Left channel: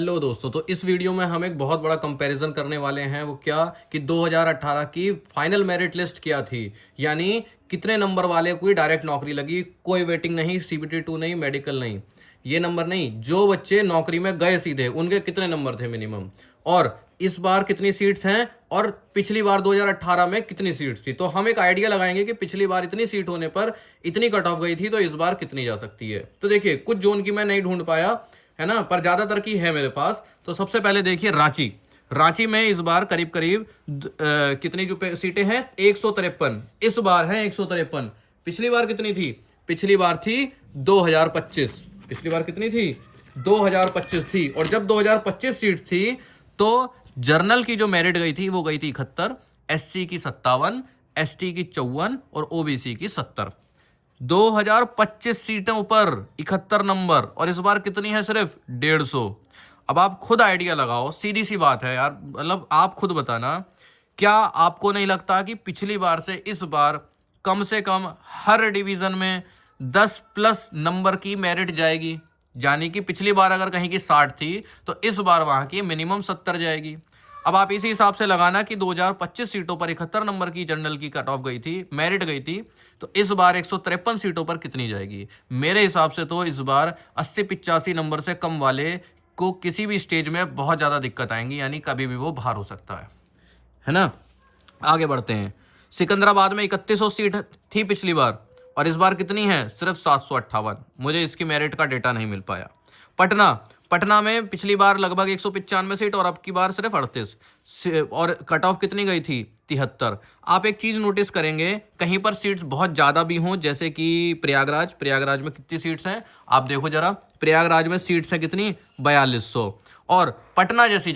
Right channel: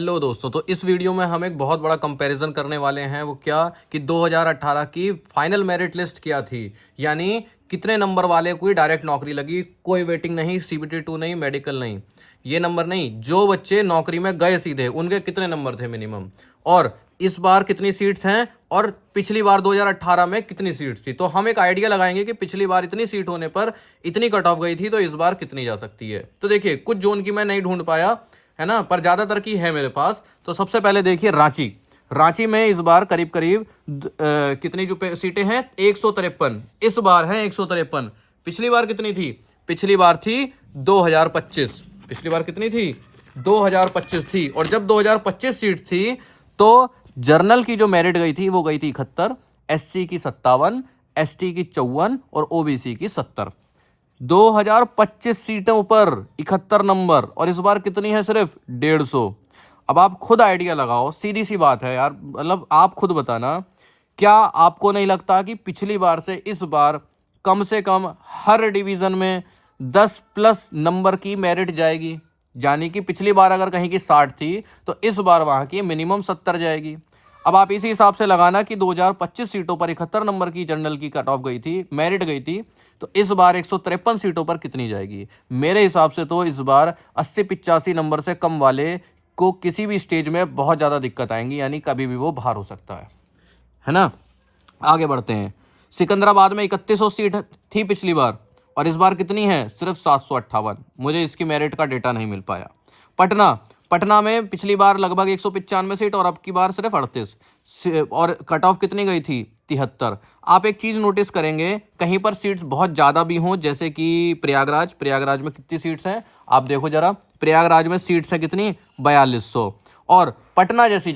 Hello दोस्तों, तो इस वीडियो में हम एक बहुत बड़ा कंपैरिजन करने वाले हैं। वो क्या कि 2018 की फाइनल मेरिट लिस्ट क्या थी, यानी कितने नंबर वाले कोई डायरेक्ट नौकरी लगी, कोई वेटिंग नहीं, सीबीटी 2 नहीं, मेडिकल नहीं, ये नंबर नहीं, जो बच्चे नौकरी में गए सीधे उनके कितने नंबर थे मिनिमम, और इस बार कितनी सीट्स हैं और पिछली बार 2018 में कितनी सीट्स थी। तो हम एक आइडिया लगाएंगे कि पिछली बार इतनी सीट होने पर इतनी कट ऑफ गई थी, तो इस बार कितनी जा सकती है। तो देखिए, कुछ जोन की मैं नहीं ढूंढ पाया है ना, पर ज्यादातर की है मेरे पास। तो सबसे पहले देखिए रांची में इस बार करीब करीब कितनी जो सीटें हैं 153, इस बार है 153। पिछली बार कितनी थी? पिछली बार थी 2025। पिछली बार कितनी थी? 2025 थी। और जब 2025 सीट थी तो जर्नल की जो मेरिट गई थी वो गई थी 71, एससी की 57, एसटी की 54 और ओबीसी की 70। 2025 सीटों पर 71 नंबर, और इस बार कितनी है? सिर्फ 150। अब आप खुद आइडिया लगाओ, सीधी सी बात है यार, मतलब आप खुद बताना, क्या आपको नहीं लगता कि पिछली बार से इस बार कम से कम हर डिवीजन में 10 प्लस नंबर की मेरिट जाएगी? यानी कि पिछली बार अगर कहीं की 60 थी तो इस बार वहां की मिनिमम 70 जाएगी। अब आप इसी हिसाब से लगाना कि 2025 सीटों पर 71 नंबर की जनरल की कट ऑफ गई थी, मेरिट गई थी, तो इस बार 153 सीटों पर कितनी जाएगी? मेरे हिसाब से तो इस बार 80-85 नंबर से कम वाले को किसी भी स्टेज में बहुत ज़्यादा दिक्कत आएंगी, यानी कभी भी वो बाहर हो सकता है ना। आगे बढ़ते हैं। सिकंदराबाद में 3100 सीट थी पिछली बार, और इस बार कितनी है? सिर्फ 758। मुझे इसकी मेरिट का डेटा नहीं मिल पाया। पटना में पिछली बार लगभग 195 सीट और अब की बार सिर्फ 38, और कट ऑफ कितनी गई थी? 73। आप एक चीज नोटिस करेंगे, कहीं पर सीट्स बहुत ज्यादा भी हों, जैसे कि प्रयागराज में कितनी सीट्स हैं आप देखो जरा। प्रयागराज में सीट्स है कितनी? 4200। और पटना जैसी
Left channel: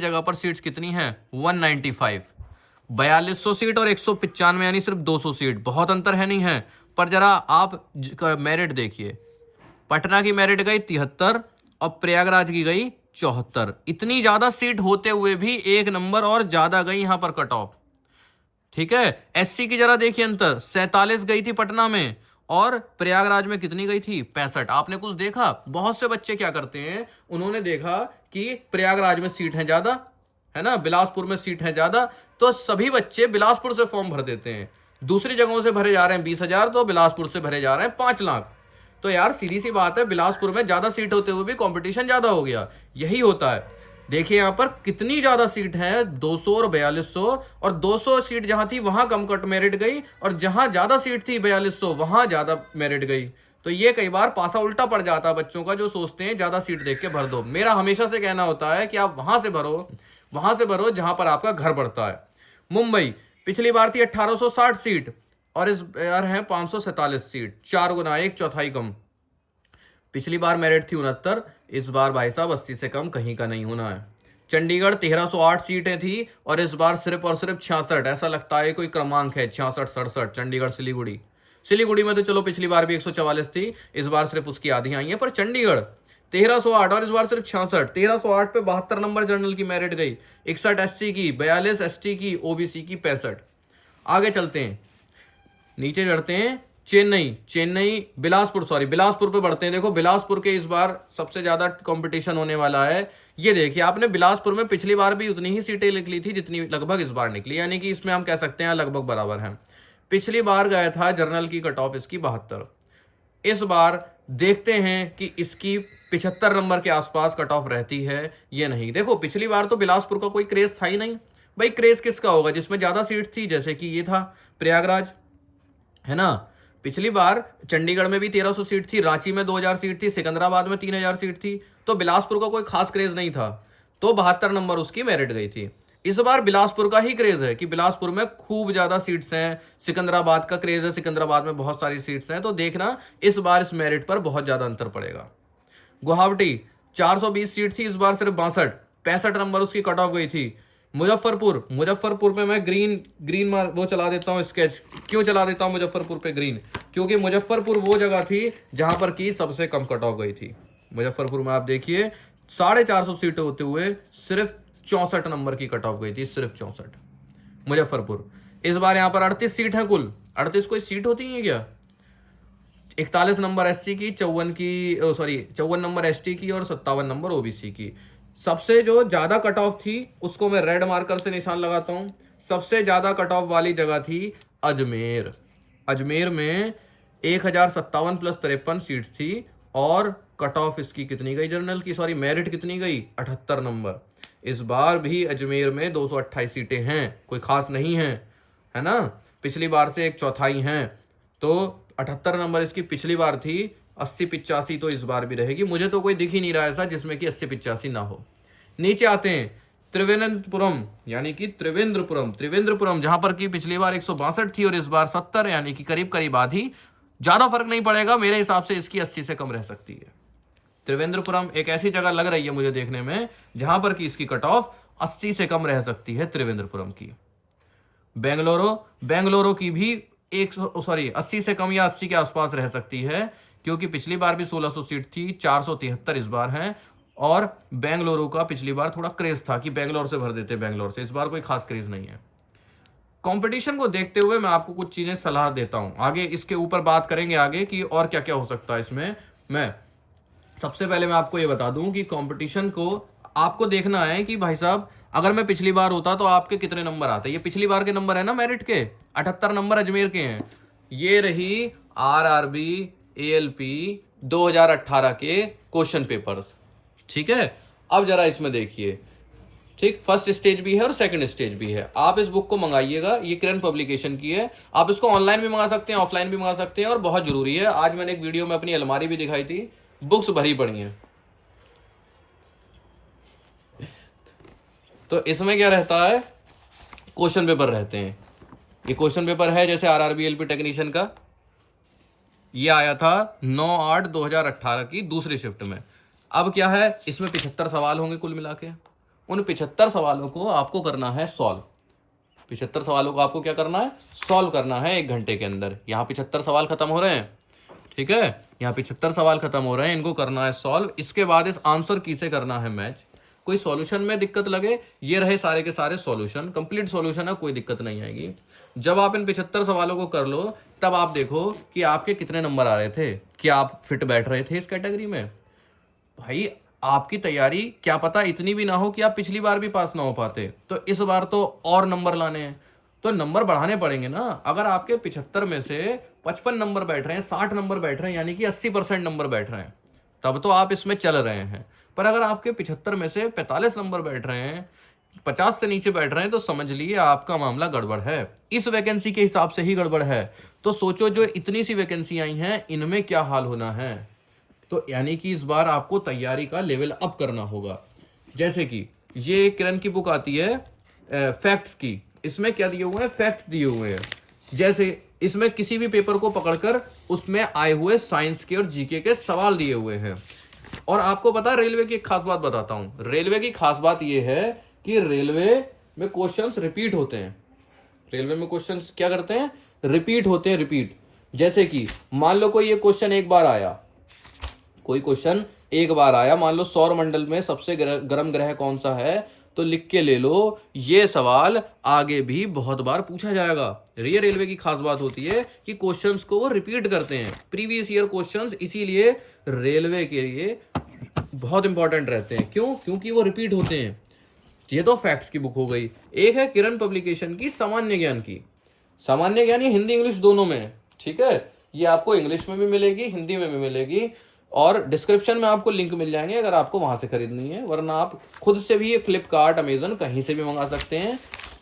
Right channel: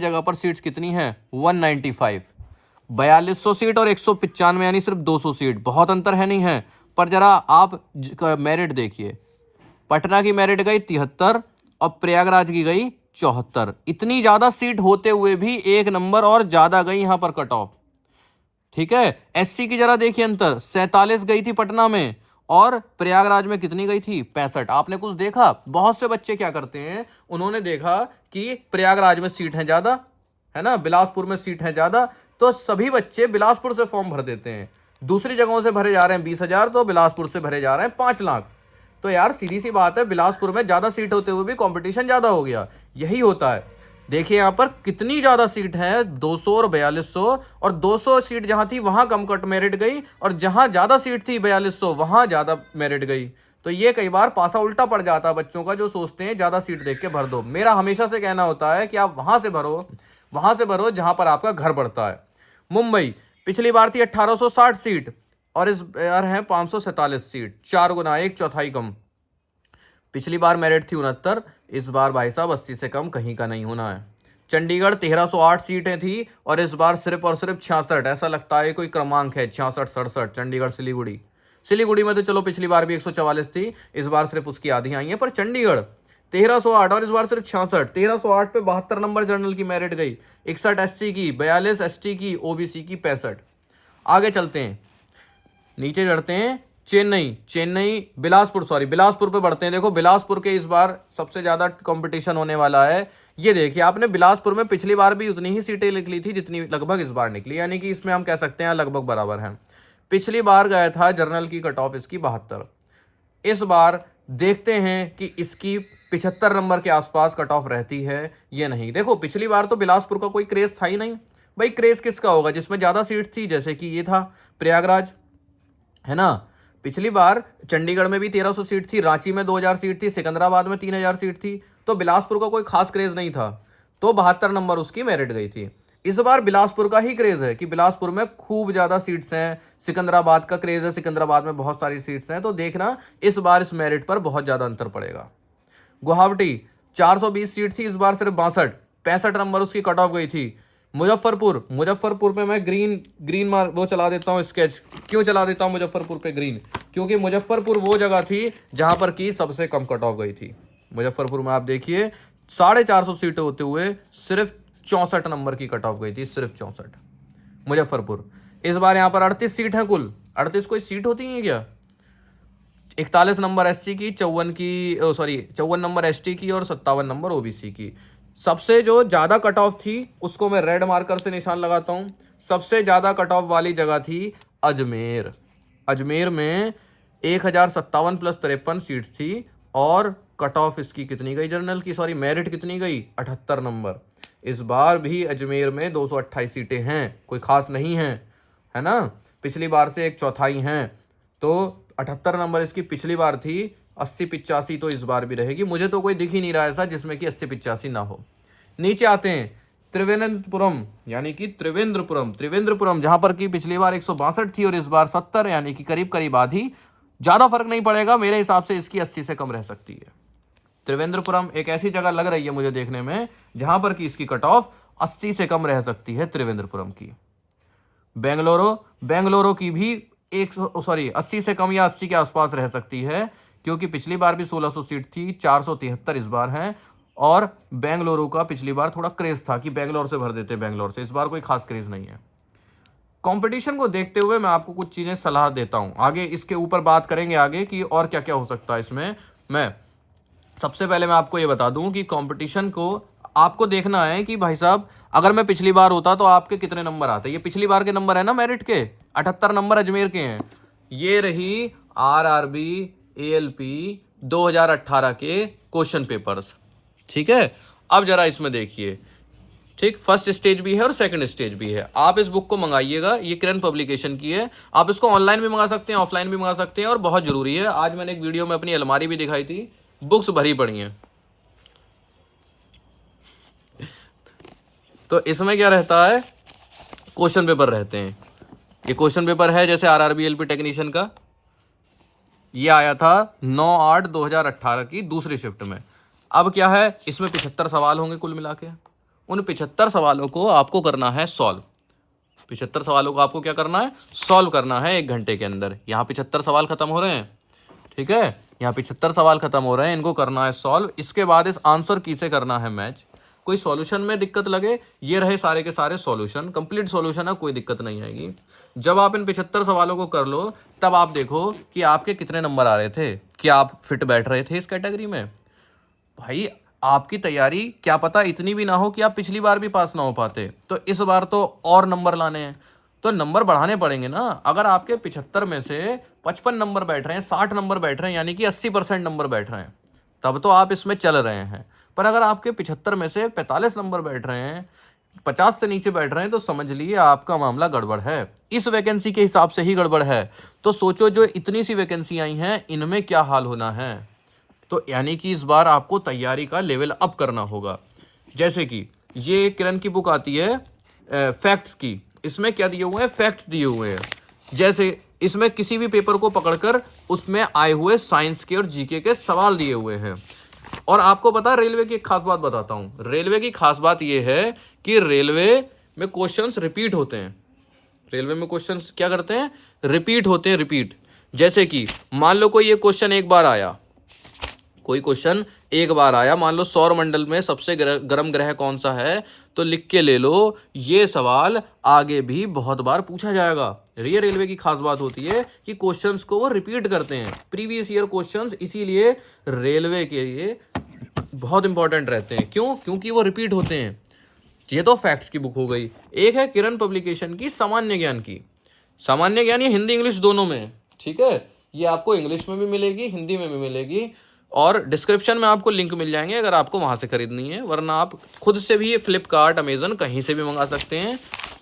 जगह पर सीट्स कितनी है? 195। 4200 सीट और 195, यानी सिर्फ 200 सीट, बहुत अंतर है नहीं है। पर जरा आप मेरिट देखिए, पटना की मेरिट गई 73 और प्रयागराज की गई 74। इतनी ज्यादा सीट होते हुए भी एक नंबर और ज्यादा गई यहां पर कट ऑफ। ठीक है। एससी की जरा देखिए अंतर, 47 गई थी पटना में और प्रयागराज में कितनी गई थी? 65। आपने कुछ देखा? बहुत से बच्चे क्या करते हैं, उन्होंने देखा कि प्रयागराज में सीट है ज्यादा, है ना, बिलासपुर में सीट है ज्यादा, तो सभी बच्चे बिलासपुर से फॉर्म भर देते हैं। दूसरी जगहों से भरे जा रहे हैं 20,000, तो बिलासपुर से भरे जा रहे हैं 5 लाख। तो यार सीधी सी बात है, बिलासपुर में ज्यादा सीट होते हुए भी कंपटीशन ज्यादा हो गया। यही होता है। देखिए यहां पर कितनी ज्यादा सीट है, 200 और 4200, और 200 सीट जहां थी वहां कम कट मेरिट गई, और जहां ज्यादा सीट थी 4200 वहां ज्यादा मेरिट गई। तो ये कई बार पासा उल्टा पड़ जाता है बच्चों का, जो सोचते हैं ज्यादा सीट देख के भर दो। मेरा हमेशा से कहना होता है कि आप वहां से भरो जहां पर आपका घर पड़ता है। मुंबई पिछली बार थी 1860 सीट और इस बार है 547 सीट, 4 गुना, एक चौथाई कम। पिछली बार मेरिट थी 69, इस बार भाई साहब 80 से कम कहीं का नहीं होना है। चंडीगढ़ 1308 सीटें थी और इस बार सिर्फ और सिर्फ 66, ऐसा लगता है कोई क्रमांक है, 66-67। चंडीगढ़ सिलीगुड़ी में तो चलो पिछली बार भी 144 थी, इस बार सिर्फ उसकी आधी आई है, पर चंडीगढ़ 1308 और इस बार सिर्फ 66। 1308 पे 72 नंबर जनरल की मेरिट गई, 61 एससी की, 42 एसटी की, ओबीसी की 65। आगे चलते हैं, नीचे चढ़ते हैं। बिलासपुर पे बढ़ते हैं। देखो बिलासपुर के इस बार सबसे ज्यादा कंपटीशन होने वाला है। ये देखिए आपने, बिलासपुर में पिछली बार भी उतनी ही सीटें निकली थी जितनी लगभग इस बार निकली, यानी कि इसमें हम कह सकते हैं लगभग बराबर हैं। पिछली बार गया था जनरल की कट ऑफ इसकी 72। इस बार देखते हैं कि इसकी 75 नंबर के आसपास कट ऑफ रहती है ये नहीं। देखो पिछली बार तो बिलासपुर का कोई क्रेज था ही नहीं भाई। क्रेज किसका होगा? जिसमें ज्यादा सीट थी, जैसे कि ये था प्रयागराज, है ना। पिछली बार चंडीगढ़ में भी 1300 सीट थी, रांची में 2000 सीट थी, सिकंदराबाद में 3000 सीट थी, तो बिलासपुर का कोई खास क्रेज नहीं था, तो 72 नंबर उसकी मेरिट गई थी। इस बार बिलासपुर का ही क्रेज है कि बिलासपुर में खूब ज्यादा सीट्स हैं। सिकंदराबाद का क्रेज है, सिकंदराबाद में बहुत सारी सीट्स हैं, तो देखना इस बार इस मेरिट पर बहुत ज्यादा अंतर पड़ेगा। गुवाहाटी 420 सीट थी, इस बार सिर्फ 65 नंबर उसकी कट ऑफ गई थी। मुजफ्फरपुर पे मैं ग्रीन वो चला देता हूँ स्केच। क्यों चला देता हूँ मुजफ्फरपुर पे ग्रीन? क्योंकि मुजफ्फरपुर वो जगह थी जहां पर की सबसे कम कट ऑफ गई थी। मुजफ्फरपुर में आप देखिए 450 सीटें होते हुए सिर्फ 64 नंबर की कट ऑफ गई थी, सिर्फ 64। मुजफ्फरपुर इस बार यहाँ पर 38 सीट है कुल। 38 कोई सीट होती है क्या? 41 नंबर एससी की, 54 नंबर एसटी की और 57 नंबर ओबीसी की। सबसे जो ज़्यादा कट ऑफ थी उसको मैं रेड मार्कर से निशान लगाता हूँ। सबसे ज़्यादा कट ऑफ वाली जगह थी अजमेर। अजमेर में 1057 प्लस 53 सीट्स थी और कट ऑफ इसकी कितनी गई जनरल की, मेरिट कितनी गई, 78 नंबर। इस बार भी अजमेर में 228 सीटें हैं, कोई खास नहीं है, है ना। पिछली बार से एक चौथाई हैं, तो 78 नंबर इसकी पिछली बार थी। 80-85 तो इस बार भी रहेगी। मुझे तो कोई दिख ही नहीं रहा ऐसा जिसमें कि 80-85 ना हो। नीचे आते हैं त्रिवेंद्रपुरम, यानी कि त्रिवेंद्रपुरम जहां पर कि पिछली बार 162 थी और इस बार 70, यानी कि करीब करीब आधी। ज्यादा फर्क नहीं पड़ेगा मेरे हिसाब से, इसकी 80 से कम रह सकती है। त्रिवेंद्रपुरम एक ऐसी जगह लग रही है मुझे देखने में जहां पर कि इसकी कट ऑफ 80 से कम रह सकती है त्रिवेंद्रपुरम की। बेंगलुरु की भी 80 से कम या 80 के आसपास रह सकती है, क्योंकि पिछली बार भी 1600 सीट थी, 473 इस बार है। और बेंगलुरु का पिछली बार थोड़ा क्रेज था कि बेंगलोर से भर देते, बेंगलोर से। इस बार कोई खास क्रेज नहीं है। कंपटीशन को देखते हुए मैं आपको कुछ चीजें सलाह देता हूं, आगे इसके ऊपर बात करेंगे आगे कि और क्या क्या हो सकता है इसमें। मैं सबसे पहले मैं आपको ये बता दूं कि कंपटीशन को आपको देखना है कि भाई साहब अगर मैं पिछली बार होता तो आपके कितने नंबर आते। ये पिछली बार के नंबर है ना मेरिट के, 78 नंबर अजमेर के हैं। ये रही आरआरबी एएलपी 2018 के क्वेश्चन पेपर्स, ठीक है। अब जरा इसमें देखिए, ठीक, फर्स्ट स्टेज भी है और सेकंड स्टेज भी है। आप इस बुक को मंगाइएगा, ये किरण पब्लिकेशन की है। आप इसको ऑनलाइन भी मंगा सकते हैं, ऑफलाइन भी मंगा सकते हैं, और बहुत जरूरी है, आज मैंने एक वीडियो में अपनी अलमारी भी दिखाई थी, बुक्स भरी पड़ी हैं। तो इसमें क्या रहता है, क्वेश्चन पेपर रहते हैं। ये क्वेश्चन पेपर है जैसे आरआरबी एलपी टेक्नीशियन का, ये आया था 9/8/2018 की दूसरी शिफ्ट में। अब क्या है, इसमें 75 सवाल होंगे कुल मिला के। उन 75 सवालों को आपको करना है सॉल्व। 75 सवालों को आपको क्या करना है, सॉल्व करना है 1 घंटे के अंदर। यहाँ 75 सवाल खत्म हो रहे हैं, ठीक है, यहाँ 75 सवाल खत्म हो रहे हैं, इनको करना है सॉल्व। इसके बाद इस आंसर की से करना है मैच। कोई सॉल्यूशन में दिक्कत लगे, ये रहे सारे के सारे सॉल्यूशन, कंप्लीट सॉल्यूशन है, कोई दिक्कत नहीं आएगी। जब आप इन 75 सवालों को कर लो, तब आप देखो कि आपके कितने नंबर आ रहे थे, क्या आप फिट बैठ रहे थे इस कैटेगरी में। भाई आपकी तैयारी क्या पता इतनी भी ना हो कि आप पिछली बार भी पास ना हो पाते, तो इस बार तो और नंबर लाने हैं, तो नंबर बढ़ाने पड़ेंगे ना। अगर आपके 75 में से 55 नंबर बैठ रहे हैं, 60 नंबर बैठ रहे हैं, यानी कि 80% नंबर बैठ रहे हैं, तब तो आप इसमें चल रहे हैं। पर अगर आपके 75 में से 45 नंबर बैठ रहे हैं, 50 से नीचे बैठ रहे हैं, तो समझ लिए आपका मामला गड़बड़ है। इस वैकेंसी के हिसाब से ही गड़बड़ है। तो सोचो जो इतनी सी वैकेंसी आई हैं, इनमें क्या हाल होना है। तो यानी कि इस बार आपको तैयारी का लेवल अप करना होगा। जैसे कि ये किरण की बुक आती है फैक्ट्स की, इसमें क्या दिए हुए हैं, फैक्ट्स दिए हुए हैं। जैसे इसमें किसी भी पेपर को पकड़कर उसमें आए हुए साइंस के और जीके के सवाल दिए हुए हैं। और आपको पता है रेलवे की एक खास बात बताता हूं। रेलवे की खास बात यह है कि रेलवे में क्वेश्चंस रिपीट होते हैं। रेलवे में क्वेश्चंस क्या करते हैं, रिपीट होते हैं, रिपीट। जैसे कि मान लो कोई ये क्वेश्चन एक बार आया, कोई क्वेश्चन एक बार आया, मान लो सौर मंडल में सबसे गर्म ग्रह कौन सा है, तो लिख के ले लो, ये सवाल आगे भी बहुत बार पूछा जाएगा। ये रेलवे की खास बात होती है कि क्वेश्चंस को वो रिपीट करते हैं, प्रीवियस ईयर क्वेश्चंस, इसीलिए रेलवे के लिए बहुत इंपॉर्टेंट रहते हैं। क्यों, क्योंकि वो रिपीट होते हैं। ये तो फैक्ट्स की बुक हो गई। एक है किरण पब्लिकेशन की सामान्य ज्ञान की। सामान्य ज्ञान ये हिंदी इंग्लिश दोनों में है, ठीक है। ये आपको इंग्लिश में भी मिलेगी, हिंदी में भी मिलेगी, और डिस्क्रिप्शन में आपको लिंक मिल जाएंगे अगर आपको वहां से खरीदनी है। वरना आप खुद से भी फ्लिपकार्ट, अमेजन कहीं से भी मंगा सकते हैं,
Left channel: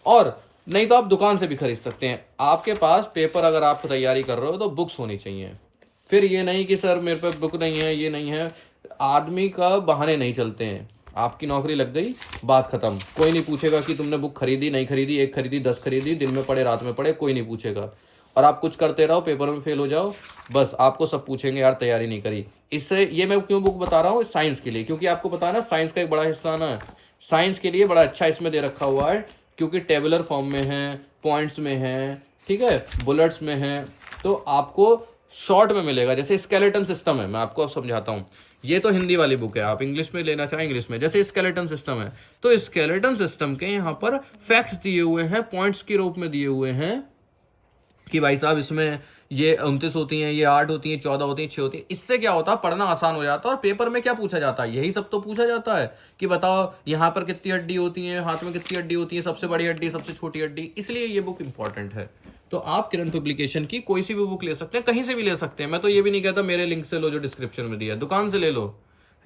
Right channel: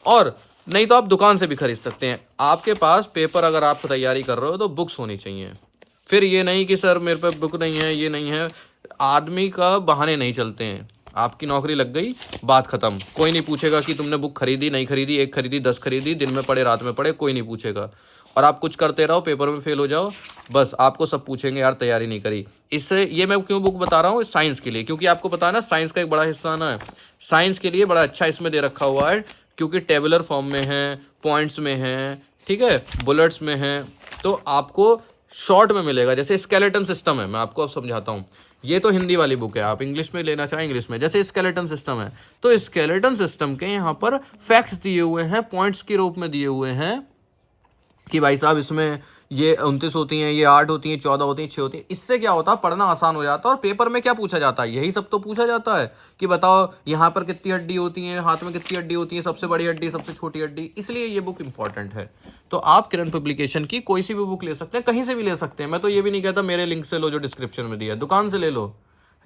और नहीं तो आप दुकान से भी खरीद सकते हैं। आपके पास पेपर अगर आप तैयारी कर रहे हो तो बुक्स होनी चाहिए। फिर ये नहीं कि सर मेरे पे बुक नहीं है, ये नहीं है। आदमी का बहाने नहीं चलते हैं। आपकी नौकरी लग गई, बात खत्म। कोई नहीं पूछेगा कि तुमने बुक खरीदी नहीं खरीदी, 1 खरीदी 10 खरीदी, दिन में पढ़े रात में पढ़े, कोई नहीं पूछेगा। और आप कुछ करते रहो, पेपर में फेल हो जाओ, बस आपको सब पूछेंगे यार तैयारी नहीं करी। इससे ये मैं क्यों बुक बता रहा हूँ, साइंस के लिए, क्योंकि आपको पता है ना साइंस का एक बड़ा हिस्सा ना है। साइंस के लिए बड़ा अच्छा इसमें दे रखा हुआ है, क्योंकि टेबुलर फॉर्म में है, पॉइंट्स में है, ठीक है, बुलेट्स में है, तो आपको शॉर्ट में मिलेगा। जैसे स्केलेटन सिस्टम है, मैं आपको अब समझाता हूँ। ये तो हिंदी वाली बुक है, आप इंग्लिश में लेना चाहें इंग्लिश में। जैसे स्केलेटन सिस्टम है, तो स्केलेटन सिस्टम के यहाँ पर फैक्ट्स दिए हुए हैं, पॉइंट्स के रूप में दिए हुए हैं कि भाई साहब इसमें ये 29 होती हैं, ये 8 होती हैं, 14 होती हैं, 6 होती हैं। इससे क्या होता है, पढ़ना आसान हो जाता है। और पेपर में क्या पूछा जाता है, यही सब तो पूछा जाता है कि बताओ यहाँ पर कितनी हड्डी होती है, हाथ में कितनी हड्डी होती है, सबसे बड़ी हड्डी, सबसे छोटी हड्डी। इसलिए ये बुक इंपॉर्टेंट है। तो आप किरण पब्लिकेशन की कोई सी भी बुक ले सकते हैं, कहीं से भी ले सकते हैं। मैं तो ये भी नहीं कहता मेरे लिंक से लो जो डिस्क्रिप्शन में दिया है, दुकान से ले लो,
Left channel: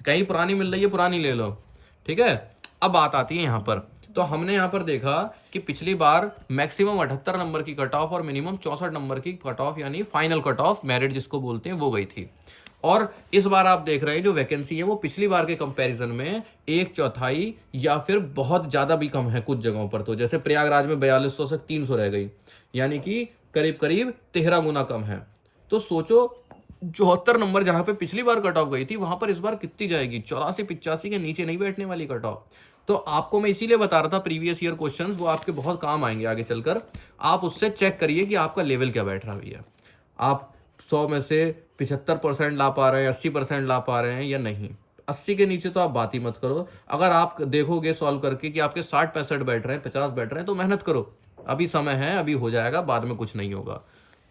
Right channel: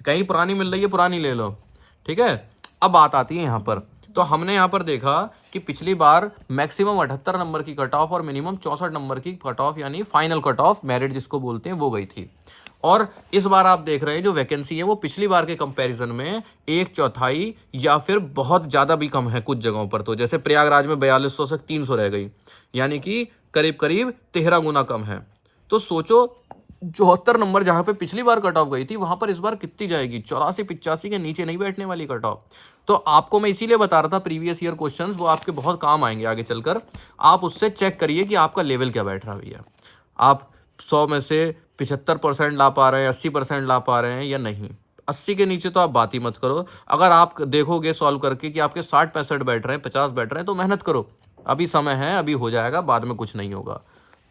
कहीं पुरानी मिल रही है पुरानी ले लो, ठीक है। अब बात आती है यहाँ पर, तो हमने यहाँ पर देखा कि पिछली बार मैक्सिमम 78 नंबर की कट ऑफ और मिनिमम 64 नंबर की कट ऑफ, यानी फाइनल कट ऑफ मेरिट जिसको बोलते हैं, वो गई थी। और इस बार आप देख रहे हैं जो वैकेंसी है वो पिछली बार के कंपैरिजन में 1/4 या फिर बहुत ज़्यादा भी कम है कुछ जगहों पर। तो जैसे प्रयागराज में 4200 से 300 रह गई, यानी कि करीब करीब 13 गुना कम है। तो सोचो 74 नंबर जहां पे पिछली बार कट ऑफ गई थी, वहां पर इस बार कितनी जाएगी, 84-85 के नीचे नहीं बैठने वाली कट ऑफ। तो आपको मैं इसीलिए बता रहा था प्रीवियस ईयर क्वेश्चंस वो आपके बहुत काम आएंगे आगे चलकर। आप उससे चेक करिए कि आपका लेवल क्या बैठ रहा है भैया, आप 100 में से 75% ला पा रहे हैं, 80% ला पा रहे हैं या नहीं। 80 के नीचे तो आप बात ही मत करो। अगर आप देखोगे सॉल्व करके कि आपके 60-65 बैठ रहे हैं, 50 बैठ रहे हैं, तो मेहनत करो, अभी समय है, अभी हो जाएगा, बाद में कुछ नहीं होगा।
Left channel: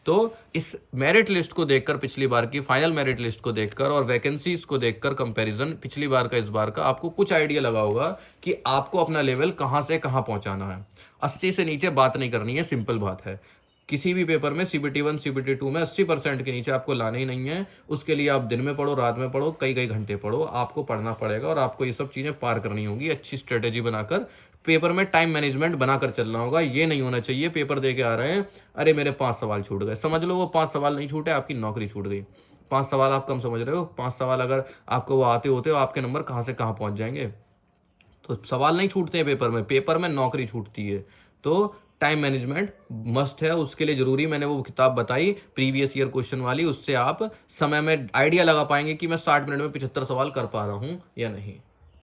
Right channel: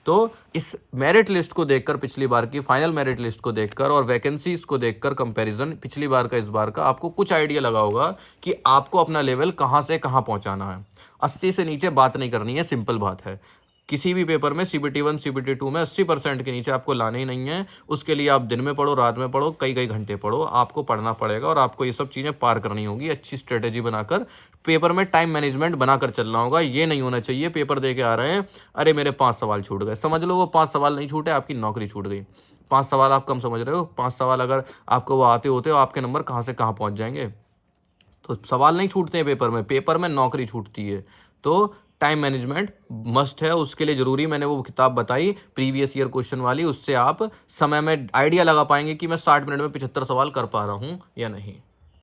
तो इस मेरिट लिस्ट को देखकर, पिछली बार की फाइनल मेरिट लिस्ट को देखकर और वैकेंसीज को देखकर कंपैरिजन पिछली बार का इस बार का, आपको कुछ आइडिया लगा होगा कि आपको अपना लेवल कहां से कहां पहुंचाना है। 80 से नीचे बात नहीं करनी है, सिंपल बात है। किसी भी पेपर में CBT 1 CBT 2 में 80% के नीचे आपको लाने ही नहीं है। उसके लिए आप दिन में पढ़ो, रात में पढ़ो, कई कई घंटे पढ़ो, आपको पढ़ना पड़ेगा और आपको ये सब चीज़ें पार करनी होगी। अच्छी स्ट्रेटेजी बनाकर पेपर में टाइम मैनेजमेंट बनाकर चलना होगा। ये नहीं होना चाहिए पेपर दे के आ रहे हैं, अरे मेरे 5 सवाल छूट गए, समझ लो वो 5 सवाल नहीं छूटे, आपकी नौकरी छूट गई। 5 सवाल आप कम समझ रहे हो, 5 सवाल अगर आपको वो आते होते हो, आपके नंबर कहाँ से कहाँ पहुँच जाएंगे। तो सवाल नहीं छूटते हैं पेपर में नौकरी छूटती है। तो टाइम मैनेजमेंट मस्ट है, उसके लिए ज़रूरी मैंने वो किताब बताई प्रीवियस ईयर क्वेश्चन वाली, उससे आप समय में आइडिया लगा पाएंगे कि मैं 60 मिनट में 75 सवाल कर पा रहा हूँ या नहीं।